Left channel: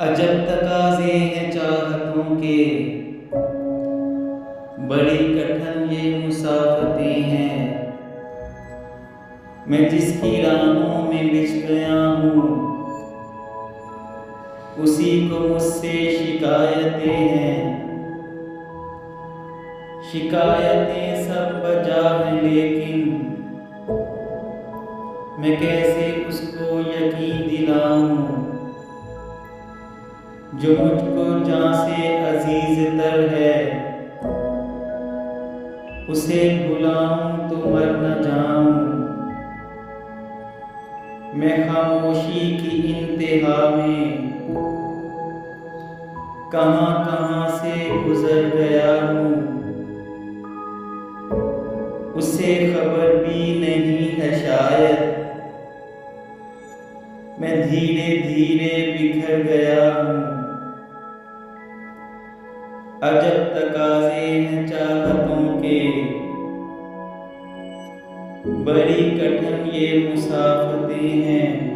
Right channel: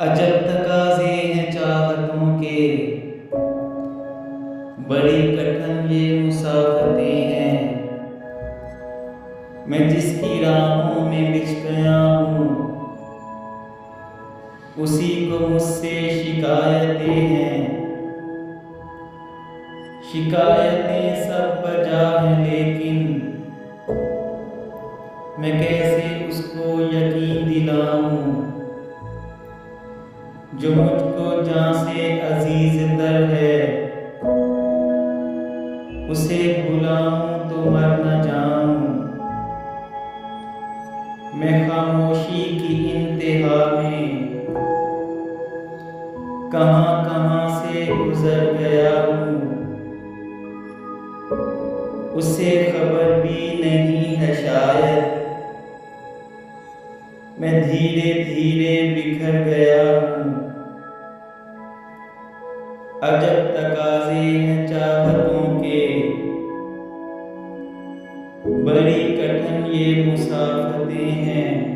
अजब तकाज़े हैं चाहतों के, बड़ी कठिन ये मुसाफतें हैं। मैं जिसकी राहों में बिछ गया हूँ, उसी को मुझसे शिकायतें हैं। शिकायतें सब बजा हैं, लेकिन मैं कैसे उसको यकीन दिलाऊं जो मुझको जान से अजीज तर है। उसे भुलाऊं तो मर न जाऊं। मैं खामोशी की इंतहा में कहां कहां से गुजर गया हूँ। उसे खबर भी नहीं है शायद, मैं धीरे धीरे बिखर गया हूँ। अजब तकाज़े हैं चाहतों के, बड़ी कठिन ये मुसाफतें हैं।